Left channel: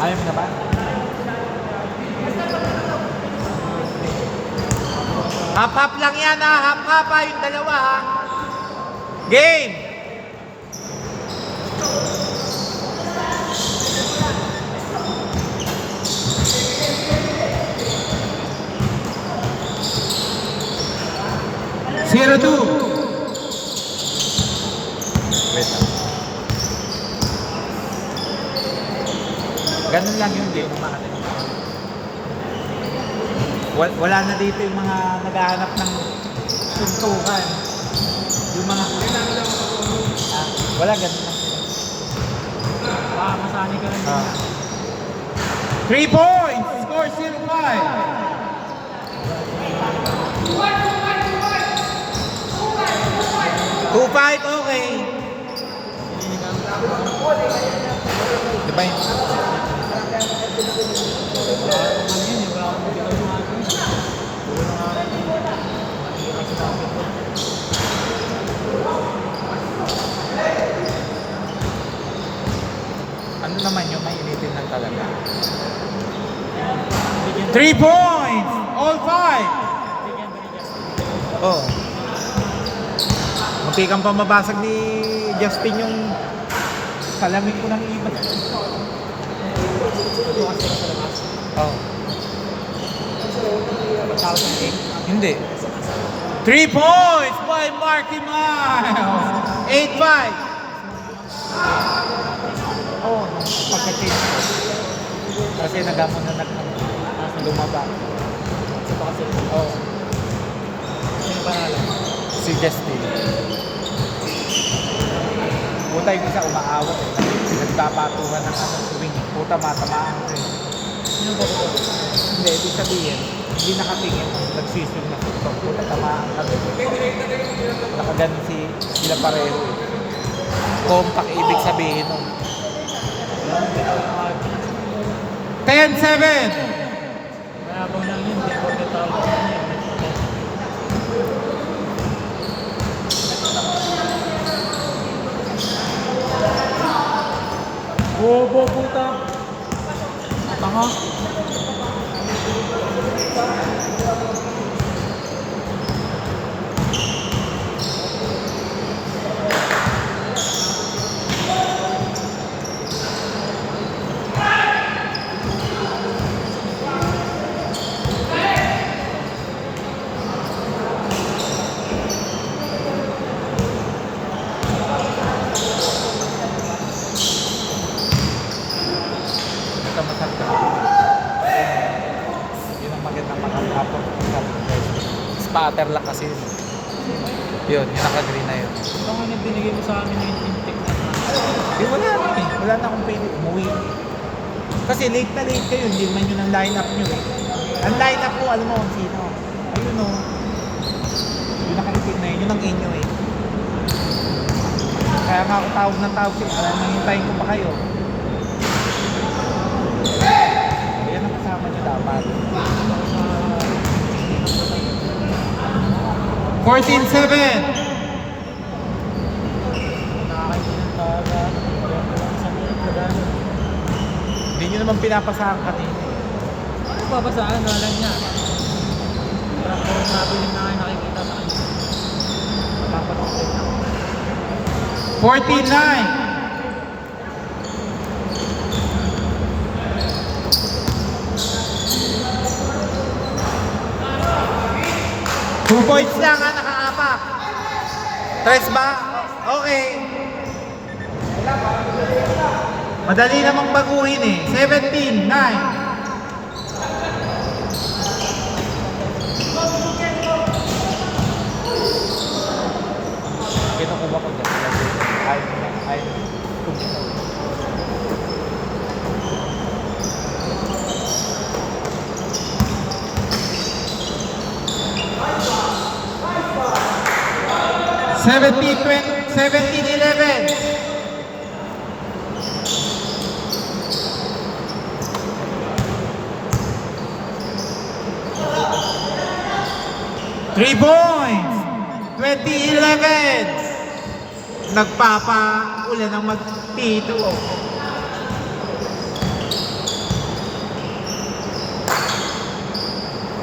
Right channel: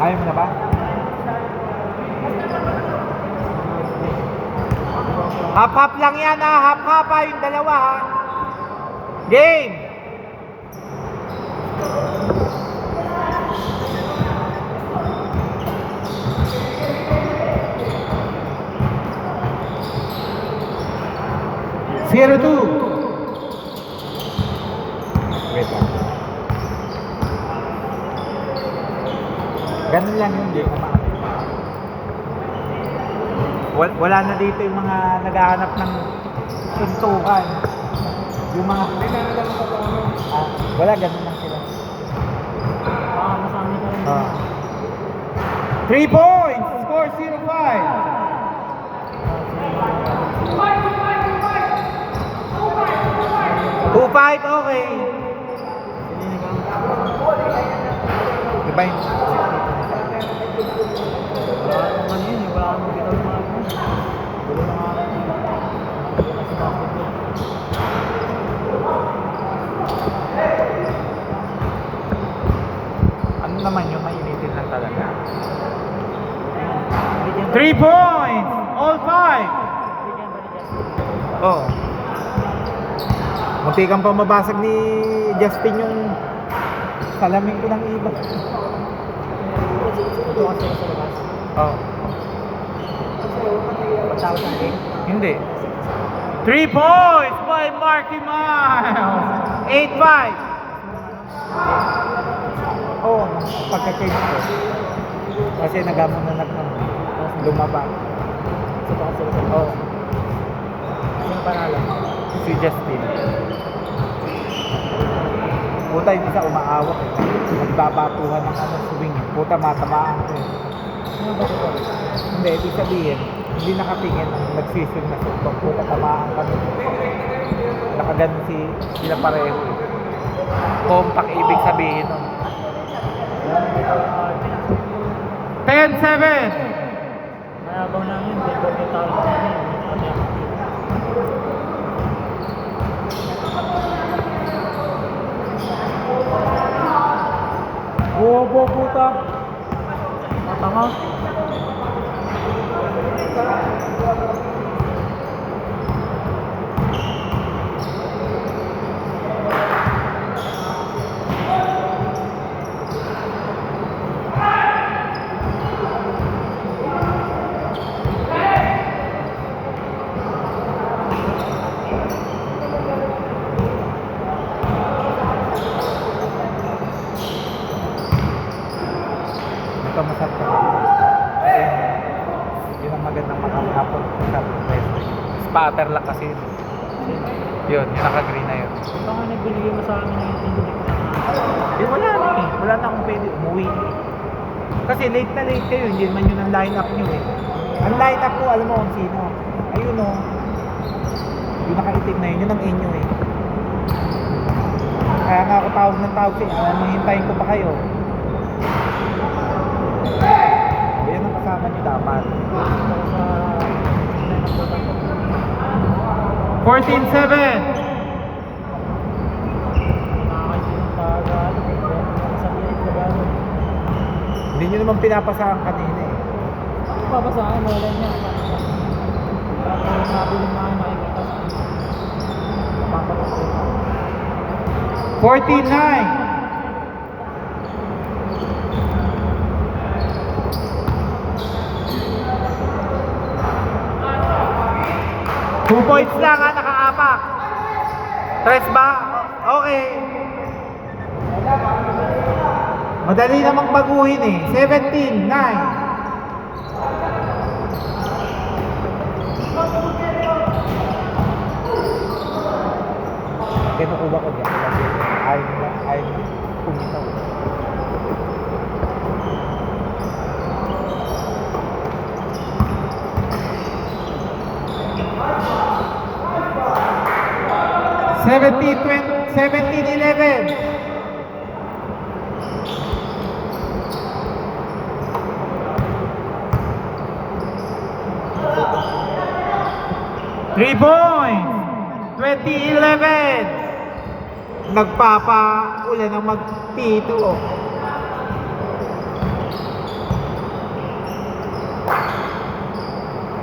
Ayaw mo na ba? Hap-hap lang yan ha. Hap-hap ha. Yung dalawa ha. Game! Zero two. Wait lang. Ganun lang yun, di umaano. Wala na dito yung mga naghahanap ng suntukan. Yung mga... wala, ganun lang sila. Masani ka rin. 3 points! Score 0-5. 2-5, okay. Diba yun? Ano naman yung may initin na talaga? 3 points! All 5! Oh. Munti kang pa mabasag ni Justin yung salamin ko ng iba. Oh. Pagtawag sa akin? Hindi. 3 points by Marky Miles. 8-5. Oh, pagka-change ko. Kasi nagamon na lumaba. Oh. Sino panalo? Si Justin. Puta yung isa umaawak eh. Nagbabatuhan ng swing. Puta matamaan ko eh. Sino ba ito? Hindi, ibig sabihin, hindi nakatingin, nagsising na tuktok. Puta tamaan kami. Nakaganon sila pareho eh. Compact ibig sabihin nun. 10-7! Mayabang lang yun, hindi ko detalye lang yun. Bobo puta! Matanga! Kamukat ka. Yun ang magandang makapapot sabi ko guys. Spatter lang kasi yun. Yun, yung naka-green na yun. Ito nga binigay mo sa amin yung intik na Wala na eh. Wala na akong pwede umuwi. Kasi late na late kayo. Hindi naman yun ang line-up nyo eh. Ang line-up ko, alam mo kung sino. Ayun o. Yung nakatitig na yun. Yun ang inyo eh. Kaya nga ako tawag ng tawag eh. Alam mo, hintayin ko pa kayo. Yan ang kasama nyo dapat. 14-7! Hindi nyo naman pinapasahan kanina eh. Papasaan, wala niya. Parang nabiling na kayo nakikita sa akin. Papasaan. 14-9! Two points lang ha, nakaapak. Tres ba? Okay. Madali namang baguhin eh. 17-9. Kinukuha ko dyan. Ayaw kumitaw. Seventeen, 11. Three points. 20-11. Nagpapaulan ng mag-T2.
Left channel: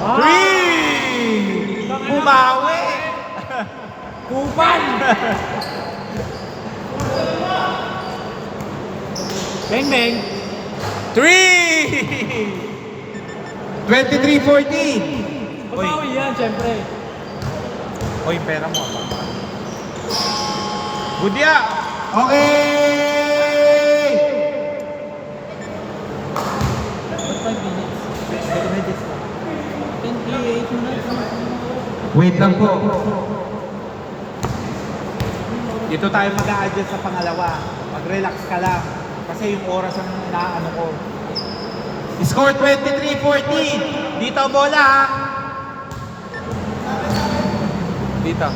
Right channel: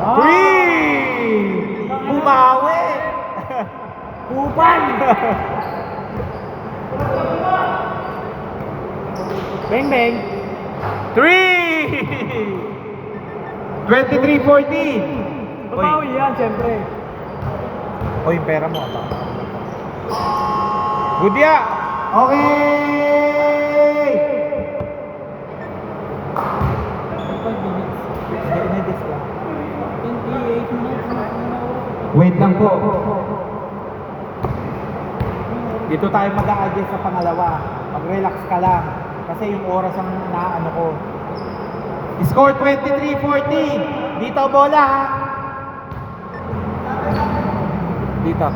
3! Bumawi! Kuban! Bang bang! 3! 23-14! Babawi yan, syempre. O yung pera mo. Good ya! Okay! 5 minutes. May discount. 28 minutes. Wait lang po. Dito tayo mag-a-adjust sa pangalawa. Mag-relax ka lang. Kasi yung oras ang inaano ko. Score 23-14. Dito bola ha. Dito.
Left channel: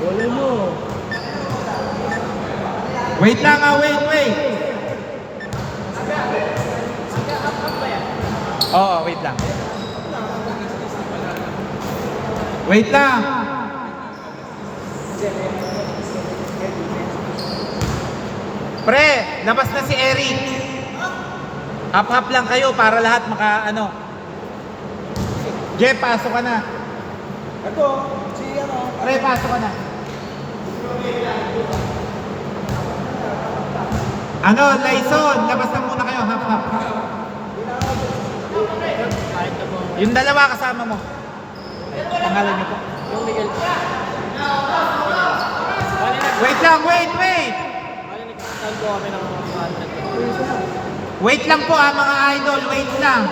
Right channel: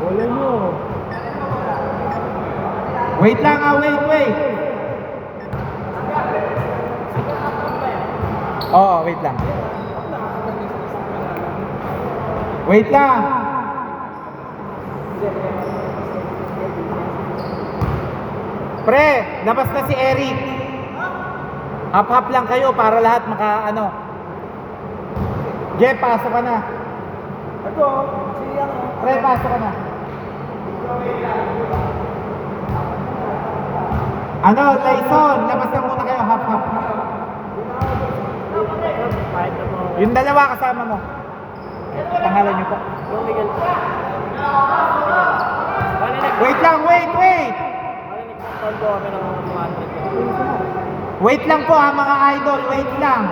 Bola nyo. Wait lang ha, wait. Oo, wait lang. Wait lang. Pre, labas na si Eric. Hap-hap lang kayo para lahat maka ano. Jeff, pasok ka na. Ito, si ano. Pre, pasok ka na. Ano, Lyson, labas na muna kayo, hap-hap. Kahit na po. Yung dalawa kasama mo. Pangalan niyo po. Yung Miguel po. Bali Wait lang, wait. nag-install po kami ng 100. Wait lang po ha mga idol, wait lang.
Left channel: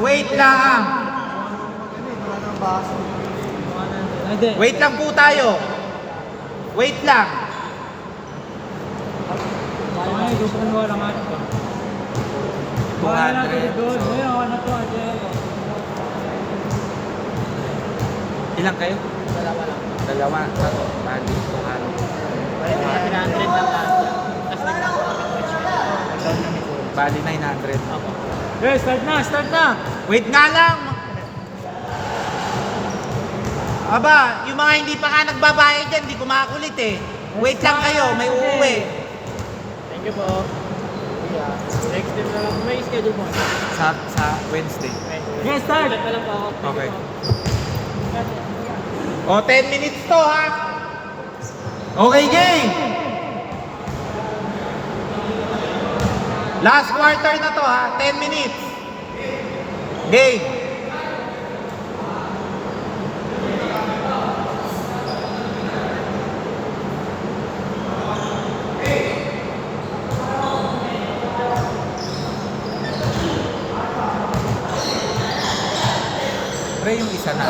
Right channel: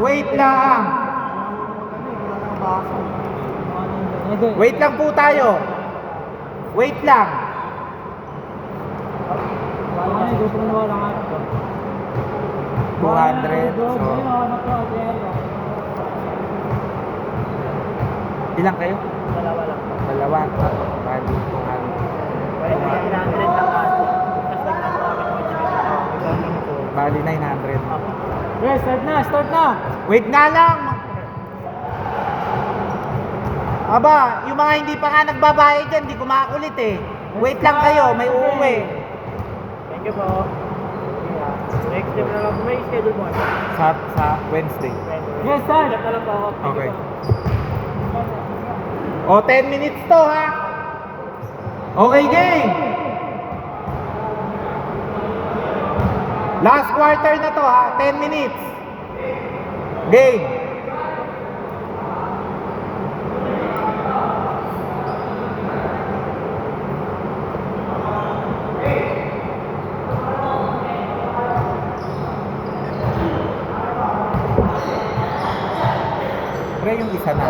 Wait lang. Hindi. Wait lang po tayo. Wait lang. Ay, gusto mo lang ito. 200. So, ilang kayo? Dalawa lang. Dalawa. Bali, 200. Pwede na 100 lang lahat. Tapos nagkakawa kami ng which Bali, 900. Okay, start na! Wait nga lang. Aba, yung mga hindi pa nga nagbabayad dyan, hindi kumakulit eh. Wait lang kayo, may uuwi. Thank you po. Next time na lang. May schedule mo. Sa Wednesday. Yes, start! Ilan na lang po ako. Thank Okay. you po. O, 10 minutes to ha. Okay, game. Last quarter na to ha, 10 minutes. Game. Pre, yung isa na.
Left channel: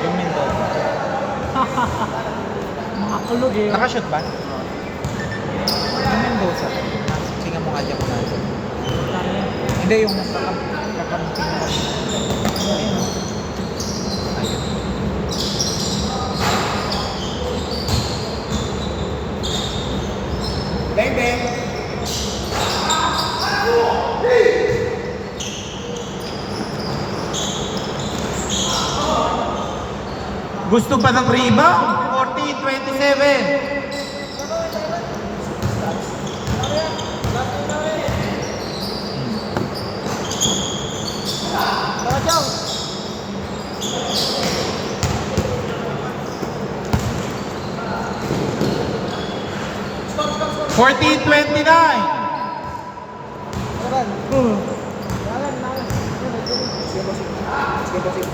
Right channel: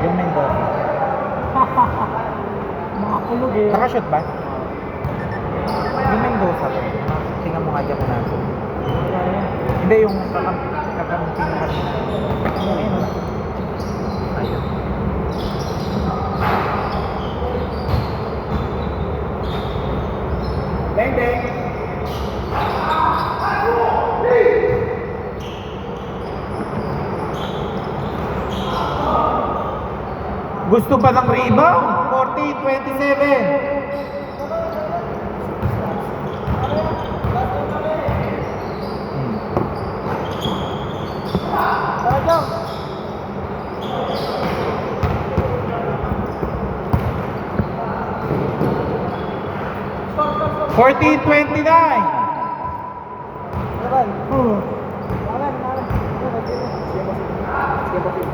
Yung Mendoza. Mga kulog eh. Nakashoot ba? Yung Mendoza. Singa mo nga dyan mo natin. Wala yan. Hindi, yung kakamping mo kami. Ayun. Bang, bang! Gusto ba ng rebound? 40-27. Tara, Chong! 14-29. Laban. Laban. Sige, bossing.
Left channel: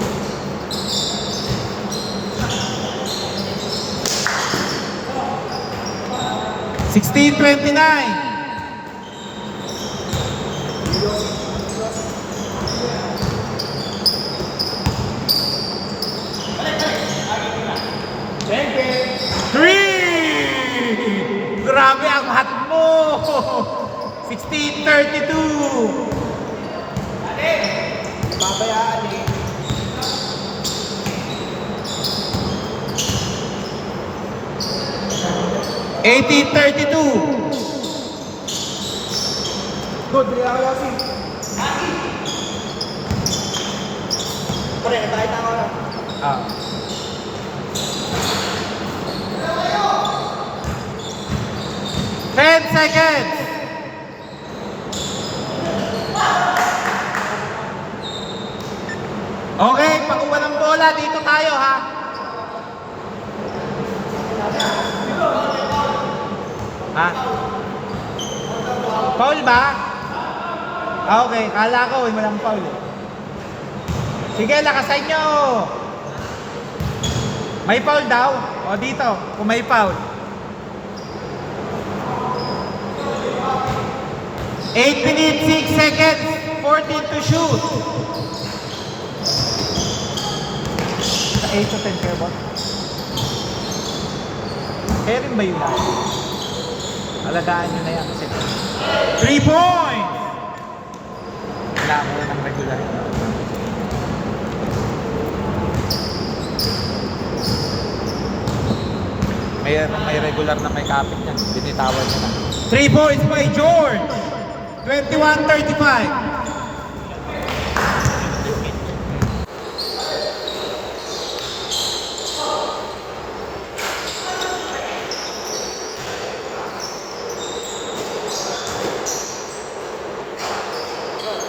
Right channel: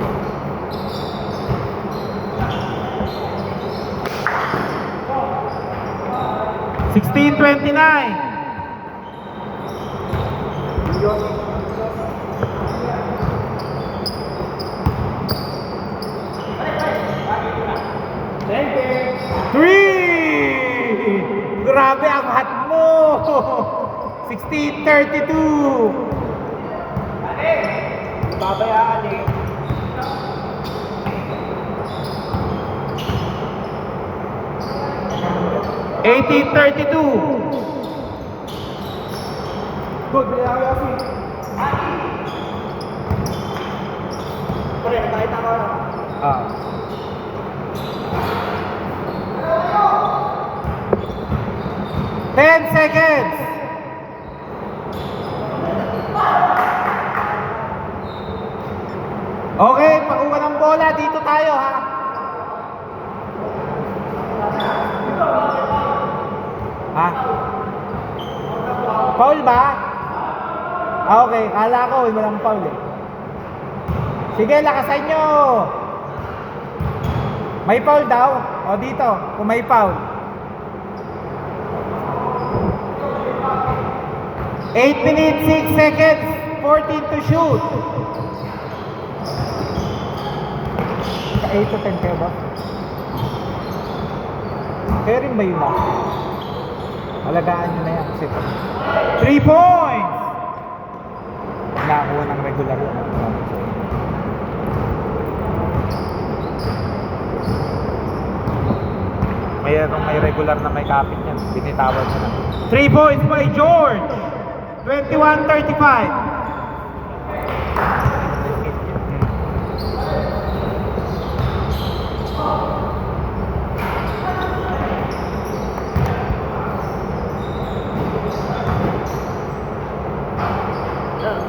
16-29. Three! Grabe ang hat mo! 16-32. Babayaan eh. Eighteen 32. Good, Riyayo si. Pare, kahit ako. Ah. 10 seconds. Okay, pag-uwa ng bola, dito tayo ha. Ha? Foul ba? Ah, okay, kala ko walang foul eh. Sige, lakasan nyo. May foul daw. O dito, kung may foul. 8 minutes, 6 seconds, 14 to shoot. Sa 8 to 10 kayo ba? Kaya rin ba yun lang? Alagaan nyo na yan kasi 3 points! Nakakuha ng regular. May regular na may kapit yan. Binitawan nyo na. 3 points by George! 21-35.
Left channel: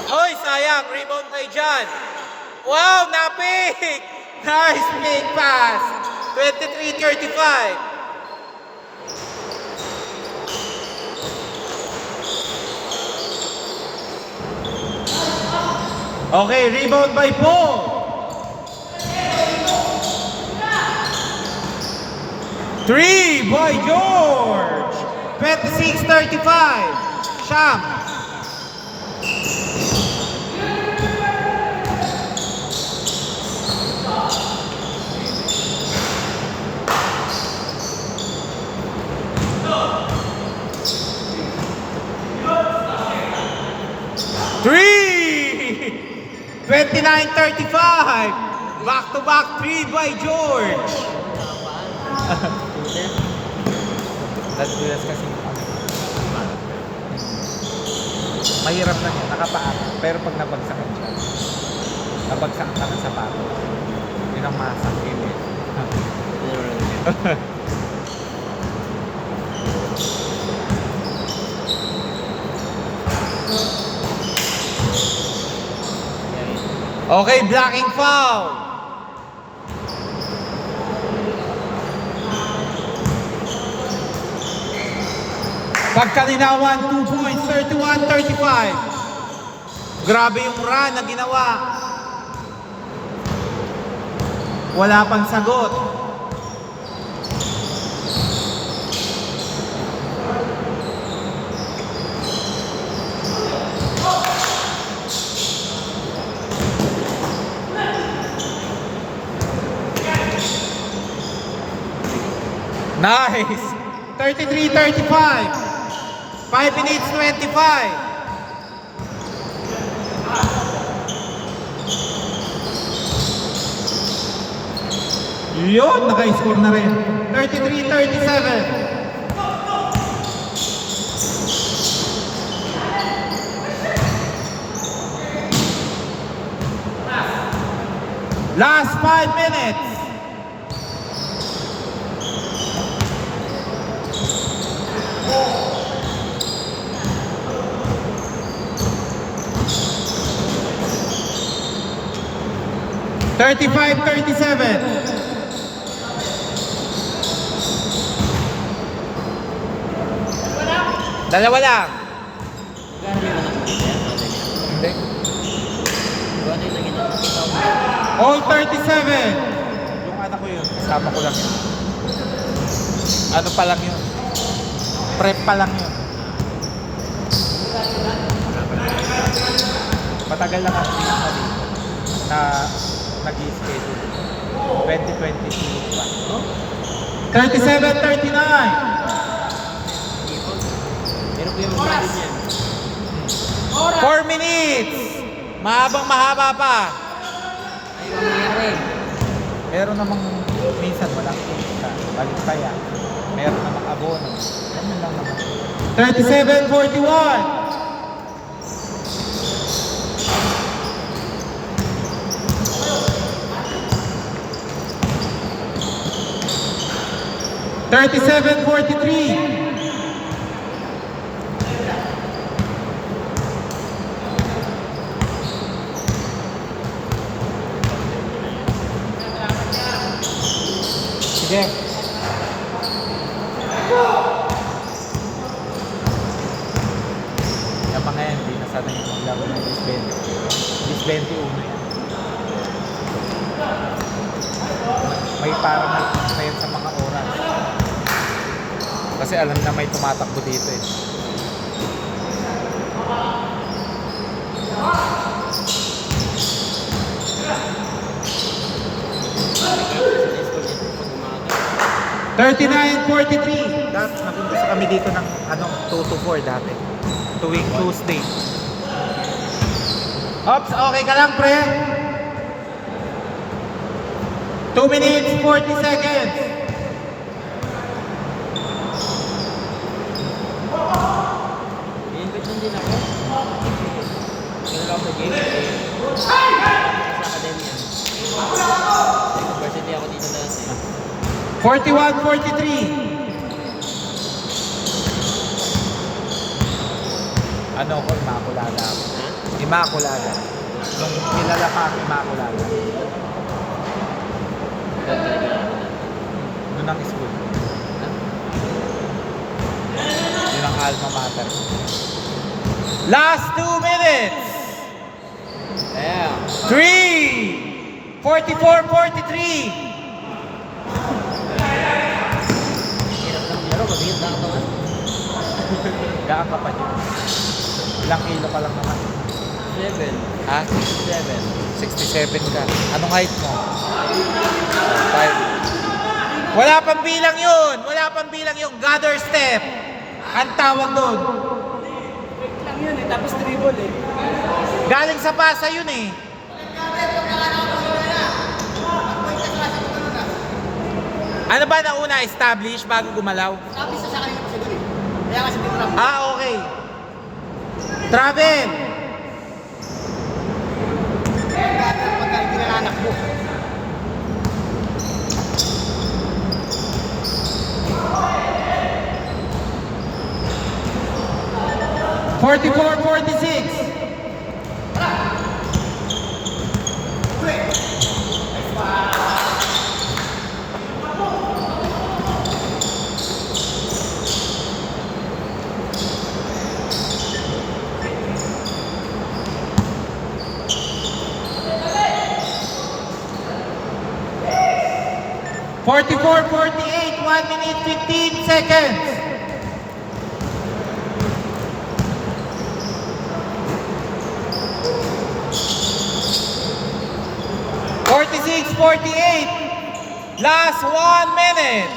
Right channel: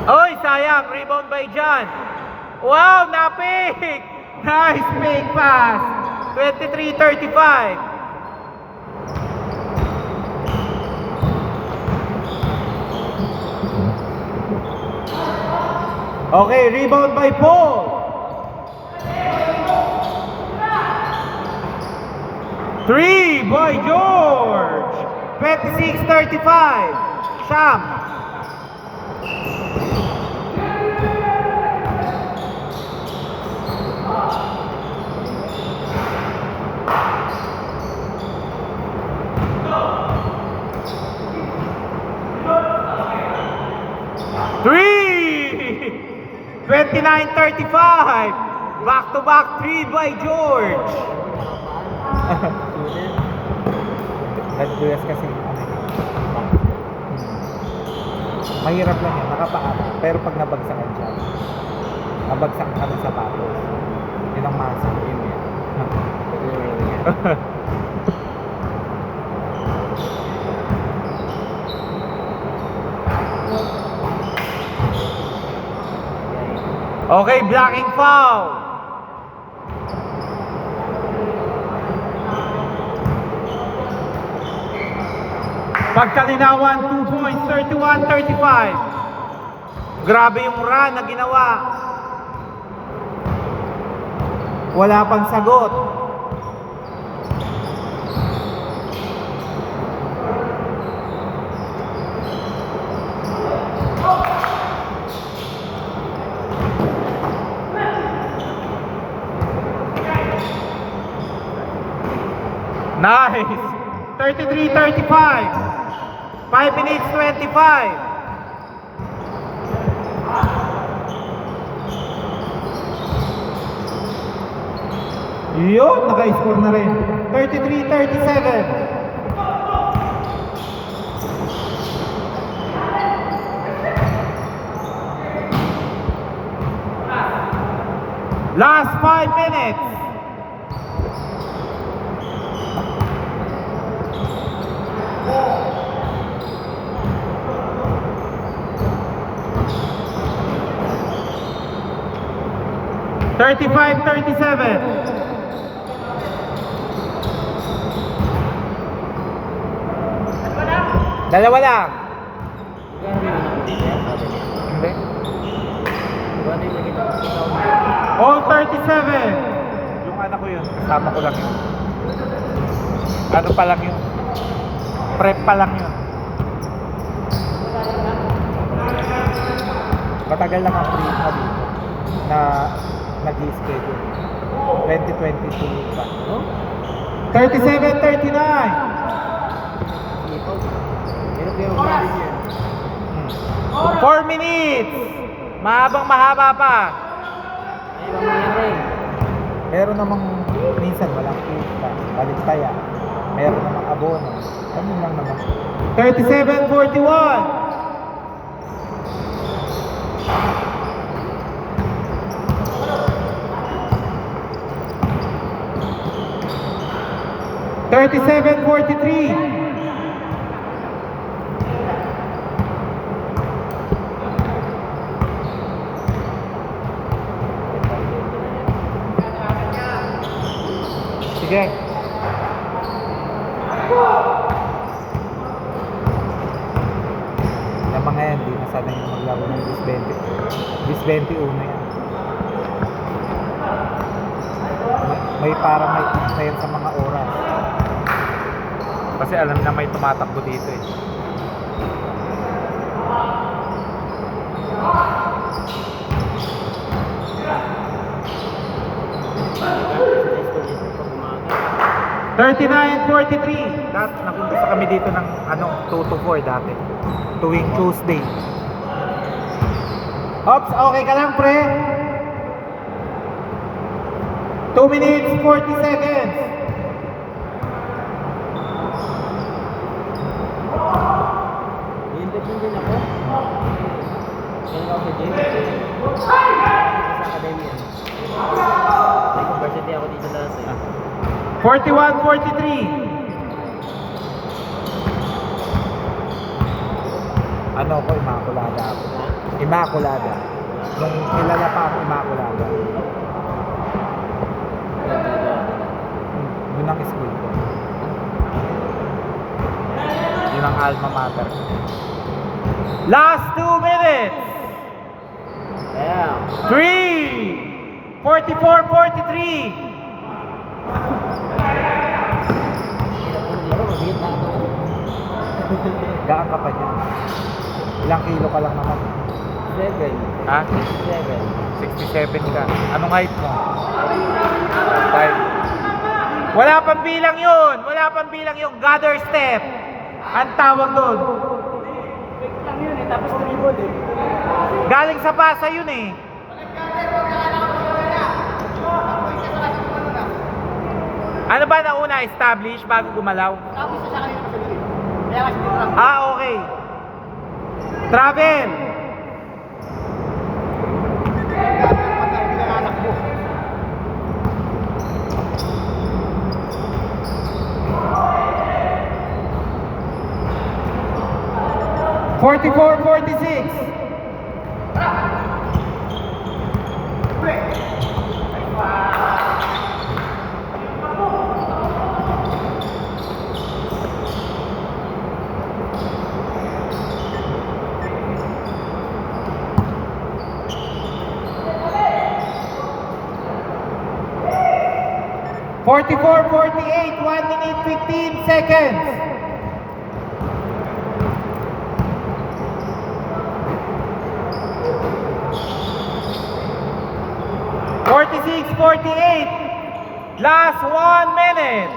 Oy, sayang. Rebound by John. Wow, napik! Nice fake pass. 23-35. Okay, rebound by Paul. Three by George. 26-35. Sham. Three! 29-35. Back-to-back three by George. Nagdulas kasi mahirap lang yan, nakapaan. Pero pag nabagsakan siya, nabagsak ka ng sapatos. Yun ang masakit yun. Okay, blocking foul. Pagkalinawan, 2 points, 31-35. Grabe yung run na ginawa. Wala pang sagot. Nice! 33-35. 5 minutes 25. Yun, naka-score na rin. 33-37. Last 5 minutes. Thirty-five, 37. Dalawa lang. Hindi. All 37. Yung anak ko yun, kasama ko lang yun. Ano pa lang yun? Prep pa lang yun. Matagal lang ang prep na nag-i-schedule. 2022 pa. 37-39. 4 minutes. Mahabang mahaba pa. Ay, ba mangyari? Meron namang minsan walang pista. Baliktaya. Meron namang abono. Ano lang naman. 37-41. 37-43. Sige. Yung mga yan, hindi nasanay yung maglaro ng bis 20. Bis 21 yan. May parang nagpis na yan sa mga oras. Kasi alam na may tumatakbo dito eh. Pag umaga. 39-43. Dati nagumpisa kami dito ng 2 to 4 dati. Tuwing Tuesday. Ops, okay ka lang pre? 2 minutes 40 seconds. I-invite lang din ako. Kailan ako sa game? Sa academy. Sa university ako dito dati. 41-43. Ano ko, Immaculada ako. Immaculada. Nung kilala pa ako, Immaculada. Doon ang school ko. Yun ang alma mater. Last 2 minutes! Yeah. 3! 44-43! Hirap ng laro. Mabihit na ako. Gaan ka pa dyan. Ilang kilo ka lang naman? 7. Ha? 7. 67 ka. Anong height mo? 5. Wala pang bilang yun! Wala pang bilang yung gather step! Ang tawag doon. Lang yun eh. Tapos dribble eh. Galing sa pasa yun eh. Ano ba nauna? Establish bago gumalaw? Sabi sa kanila kasi doon eh. Kaya kasi dito lang. Ah, okay. Travel! Pagka pinanganak mo. Forty-four, 46. Forty-four, 48, 1 minute 15 seconds. 46-48. Last 1 minute.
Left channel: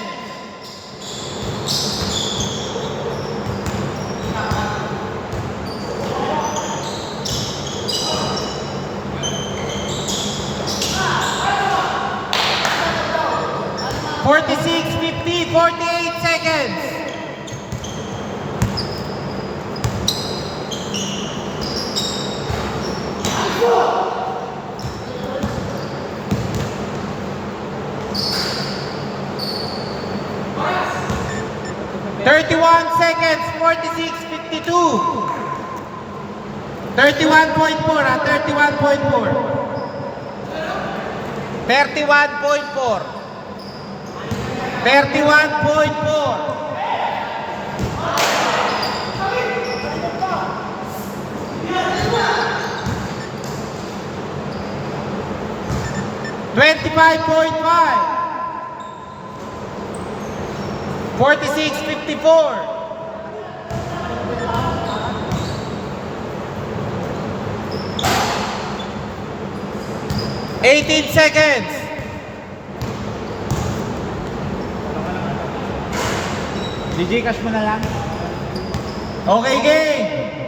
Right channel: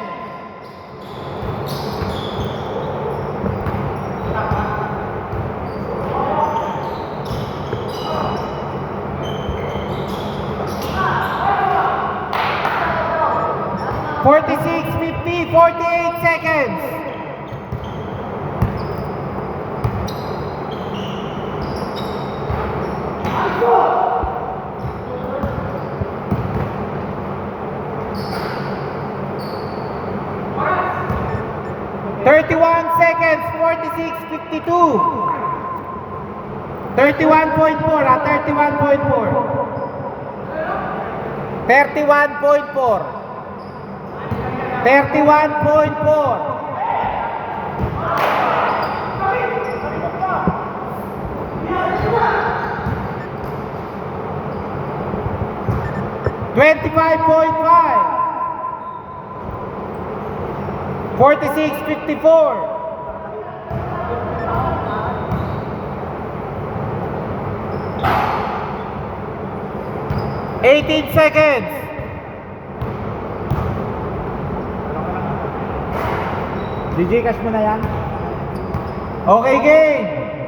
Forty-six, 50, 48 seconds. Seconds, 46, 52. 31.4 ah, 31.4. 31.4. 31.4. 25.5. 46-54. 18 seconds. DJ cash mo na lang. Okay, game.